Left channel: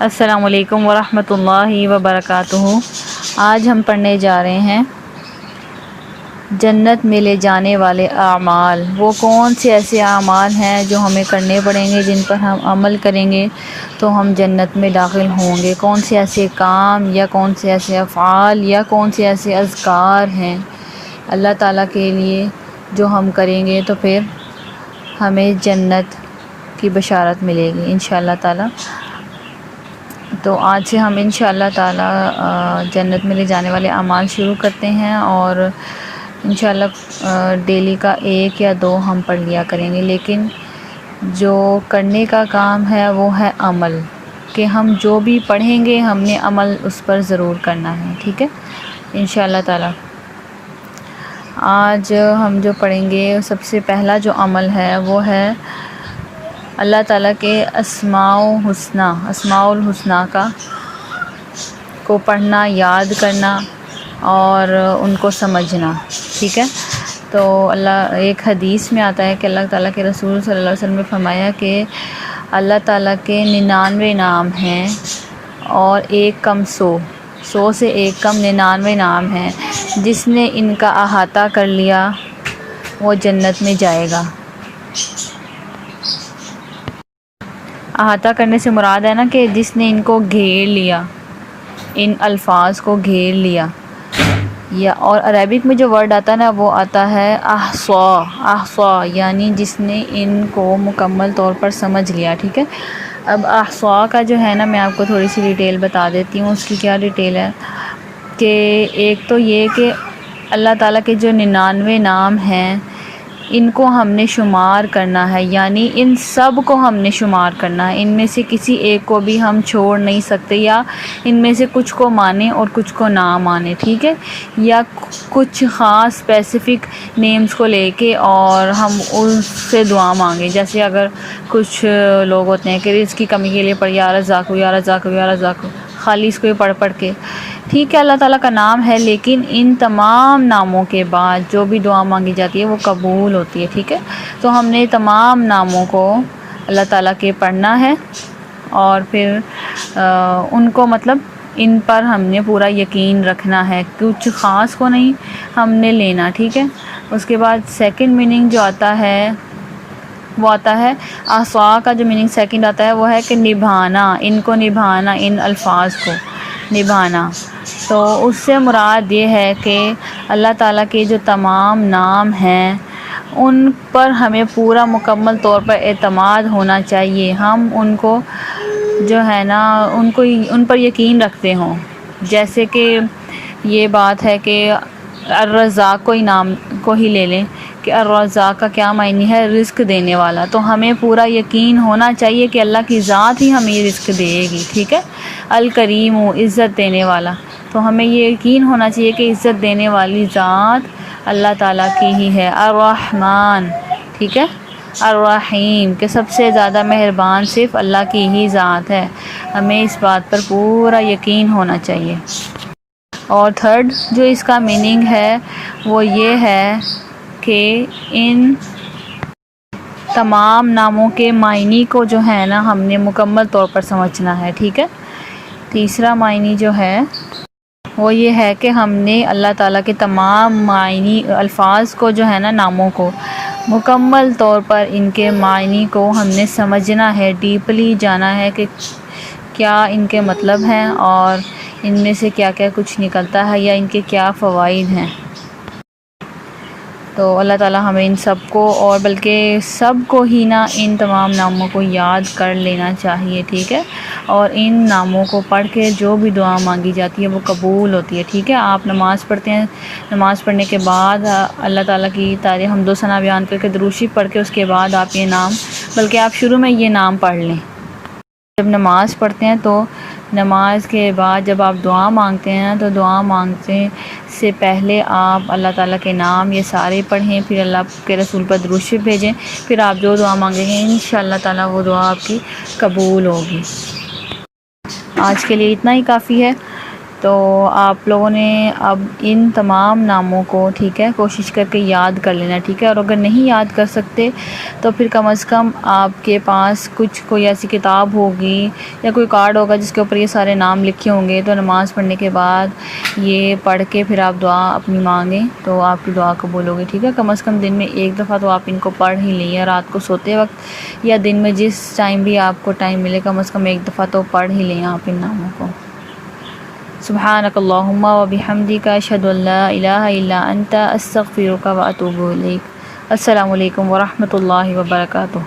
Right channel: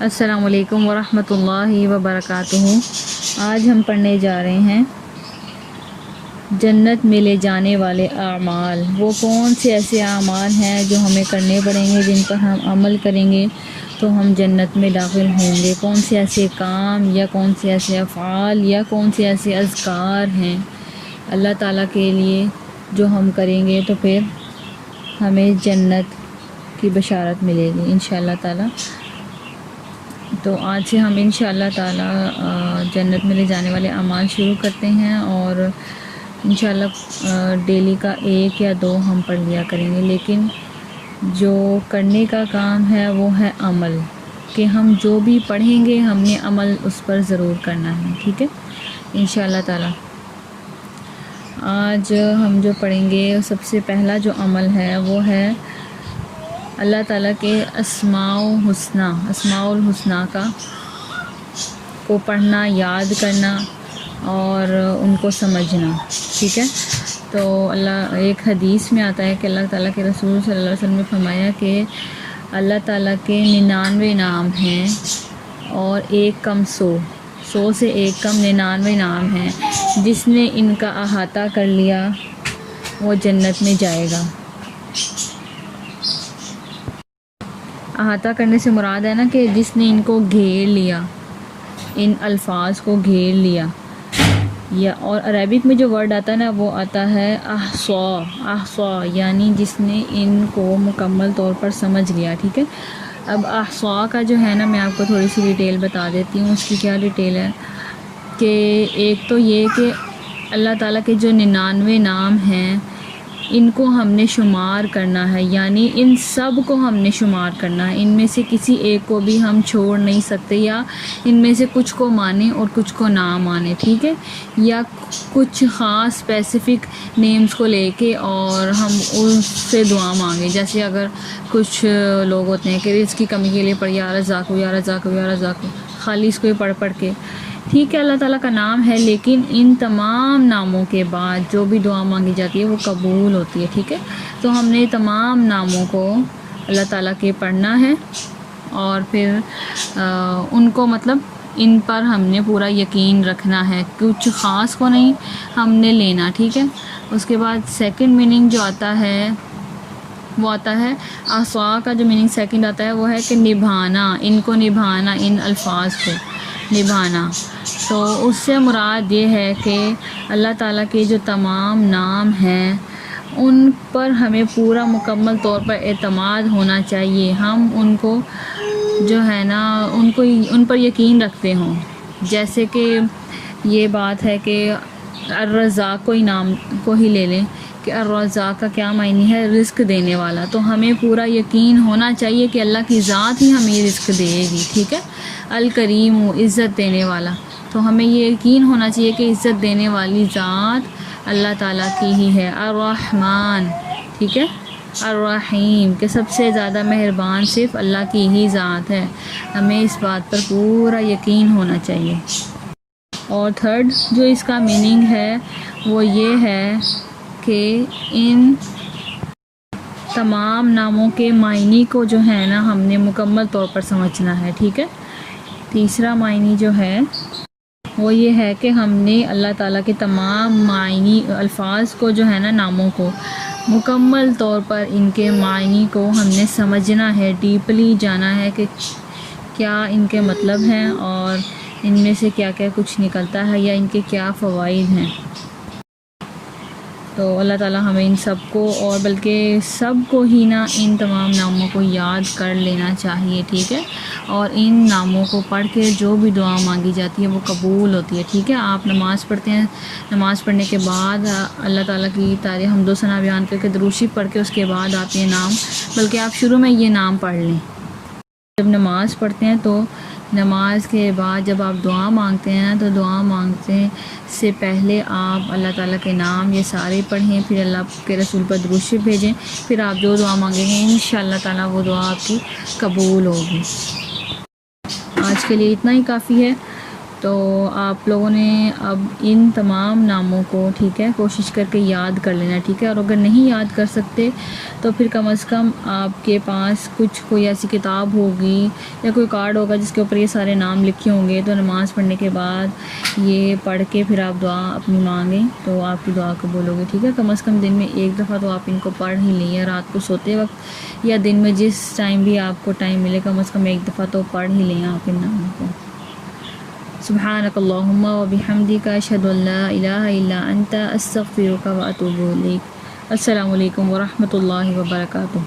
السلام علیکم ورحمۃ اللہ وبرکاتہ۔ آج ہم پڑھنے جا رہے ہیں جنت میں لے جانے والے اعمال۔ وہ کون سے ایسے اعمال ہیں جو ہمیں کرنے پڑیں گے، جن پر ہم عمل کریں گے تو ہم جنت میں داخل ہوں گے؟ کون سے ایسے کام یا کون سے ایسے افعال یا کون سے ایسے اذکار ہیں اللہ تعالیٰ کے لیے جو ہم کریں گے تو پھر ہمیں جنت کی بشارت ملے گی انشاءاللہ تعالیٰ۔ تو آج سے ہم انشاءاللہ تعالیٰ جنت میں لے جانے والے اعمال شروع کرتے ہیں، اور انشاءاللہ ڈیلی کا 1 یا 2 ہم پڑھ لیا کریں گے، لیکن جو کرنے کا کام ہے وہ ہے عمل، کہ ہم جو بھی پڑھیں گے ہم نے عمل اس پر ضرور کرنا ہے، ٹھیک ہے انشاءاللہ تعالیٰ۔ آج ہم جو پڑھیں گے سب سے پہلا جو عمل ہے وہ ہے اللہ تعالیٰ کے اسماء الحسنہ کو پڑھنا، یاد کرنا اور ان کو سمجھنا، ٹھیک ہے۔ تو ایک حدیث میں آتا ہے کہ اللہ تعالیٰ کے رسول صلی اللہ علیہ وسلم نے فرمایا کہ اللہ تعالیٰ کے 99 نام ہیں اور 1 کم 100 سے 1 کم 99 نام ہیں، جس نے ان کا احاطہ کر لیا وہ جنت میں جائے گا۔ احاطہ کرنے سے مراد ہے نا کہ جس نے ان کو گھیر لیا، ان الفاظ کو گھیر لیا، یا اور عربک میں جو ورڈ آتا ہے نا وہ آتا ہے احصا، یعنی جس نے ان کو مکمل طور پر سمجھ لیا، ٹھیک ہے۔ اب احصا کا جو ہے نا میں آپ کو تھوڑی سی ڈیٹیل بتا دیتی ہوں۔ اس کی کیا ڈیٹیل ہے کہ ایک تو یہ کہ اللہ تعالیٰ کے جو 99 نام ہیں ان کو ہم نے شمار کرنا ہے، یعنی ان سب کو ہم نے شمار کرنا ہے، ان میں سے کسی ایک کو بھی ہم چھوڑ نہیں سکتے، یا ان میں سے کچھ کو مانیں اور کچھ کو نہ مانیں، ٹھیک ہے، یا کچھ خاص اسپیسیفک نیمز کو لے کے اور ہم اس سے دعا مانگیں۔ جیسے اگر کچھ لوگ ہوتے ہیں کہ رزق کی کمی کے لیے پڑھ یا رزاق یا رزاق یا رزاق، خالی اس کو ہی پڑھ کے، ٹھیک ہے، اللہ تعالیٰ کا نام ہے، لیکن ان تمام ناموں کے بعد جو بھی دعا مانگی جاتی ہے وہ قبول ہوتی ہے، ٹھیک ہے۔ تو ہم نے تمام ناموں کو اللہ تعالیٰ کے پڑھنا ہے، اور پھر ان کو مطلب ان پر ہم نے پورا یقین رکھنا ہے، کچھ خاص کو نہیں ہم نے لینا، ٹھیک ہے۔ اس کے بعد سیکنڈ میننگ جو آتا ہے وہ آتا ہے احصا کا جو میننگ سیکنڈ آتا ہے وہ ہے کہ نبھانا، ان کو نبھانا، ان الفاظ کو نبھانا۔ تو اس سے مراد یہ ہے کہ اللہ تعالیٰ کے جو تمام نام ہیں ان پر ہمیں پورا مکمل طور پر اعتماد ہونا چاہیے، ہم ان کو جو ہے نا ان پر یقین رکھتے ہوں۔ جیسے کہ یہ بات ہے کہ الرزاق کوئی نام کو ہی لے لیں کہ الرزاق کا کیا معنی ہے، رزق دینے والا، تو ہمیں پورا یقین ہونا چاہیے کہ اللہ کی ذات ہی ہمیں رزق دے گی، ٹھیک ہے۔ الکریم، عزت دینے والا، تو ہمیں یہ یقین ہونا چاہیے کہ عزت دینے والی ذات اللہ تعالیٰ کی ہی ہے۔ الرحمن، ٹھیک ہے، الرحیم، کہ سب سے زیادہ مہربان صرف اللہ کی ہی ذات ہے، ہمیں اس بات پر پورا یقین ہونا چاہیے۔ اور تھرڈ جو اس کا میننگ ہے وہ یہ ہے کہ ان تمام ناموں کے معنی کو جو ہے نا ہم نے مکمل طور پر سمجھنا ہے، ٹھیک ہے۔ تیسرا معنی جو ہے وہ یہ ہے کہ ہم نے اللہ تعالیٰ کے تمام معنی الفاظ کو جو ہے نا ناموں کو مکمل طور پر ان کے معنی کو ہم نے سمجھنا ہے، ڈیپلی جانا ہے کہ کیا ان کے مطلب ہیں اور ان میں سے کیا کیا کچھ نکلتا ہے یا ان کے کیا فوائد ہیں۔ تو اللہ تعالیٰ ہمیں ان سب کو، اور بلکہ سب کو ہی نا ان تمام ناموں کو یاد کر لینا چاہیے، ٹھیک ہے، اور ان ناموں کو پڑھ کے جو بھی دعا مانگی جاتی ہے وہ قبول ہوتی ہے، ٹھیک ہے۔ آپ نماز پڑھتے ہیں، نماز پڑھنے کے بعد اللہ تعالیٰ کی تعریف حمد و ثنا بیان کر کے درود شریف پڑھ کے اس کے بعد آپ یہ نام، بلکہ آپ شروع میں یہ نام پڑھ لیں۔ جب نماز پڑھتے ہیں تو نماز کے بعد جب آپ دعا مانگتے ہیں تو دعا مانگتے سے پہلے آپ اللہ تعالیٰ کے نام یہ سارے پڑھیں، پھر اللہ کے رسول پر درود شریف بھیجیں، پھر آپ جو دعا مانگیں گے انشاءاللہ تعالیٰ وہ دعا آپ کی قبول ہوگی۔ آج کے لیے اتنا ہی کافی ہے۔ تو آپ لوگوں نے اب ان تمام ناموں کو ٹھیک ہے کوشش کر کے یاد کر لینا، ٹھیک ہے، اور اگر نہیں یاد کر سکتے تو پھر کم از کم آپ کے پاس کوئی ایسی کتاب ہوگی یا کوئی کارڈ ہوگا جس کے اوپر یہ سارے نام لکھے ہوں گے، تو نماز پڑھنے کے بعد یہ پڑھ کے پھر آپ دعا اپنی مانگیں تو آپ کی دعا قبول ہوگی، ٹھیک ہے۔ کم از کم دن میں ایک دفعہ تو آپ ان کو پڑھ ہی لیں، یا رات کو سوتے وقت یا دن میں جس ٹائم بھی آپ کو ٹائم ملے کم از کم ایک دفعہ تو پڑھ ہی لیں آپ ان ناموں کو۔ سبحانک اللہم و بحمدک اشہد ان لا الہ الا انت استغفرک و اتوب الیک۔ السلام علیکم ورحمۃ اللہ وبرکاتہ۔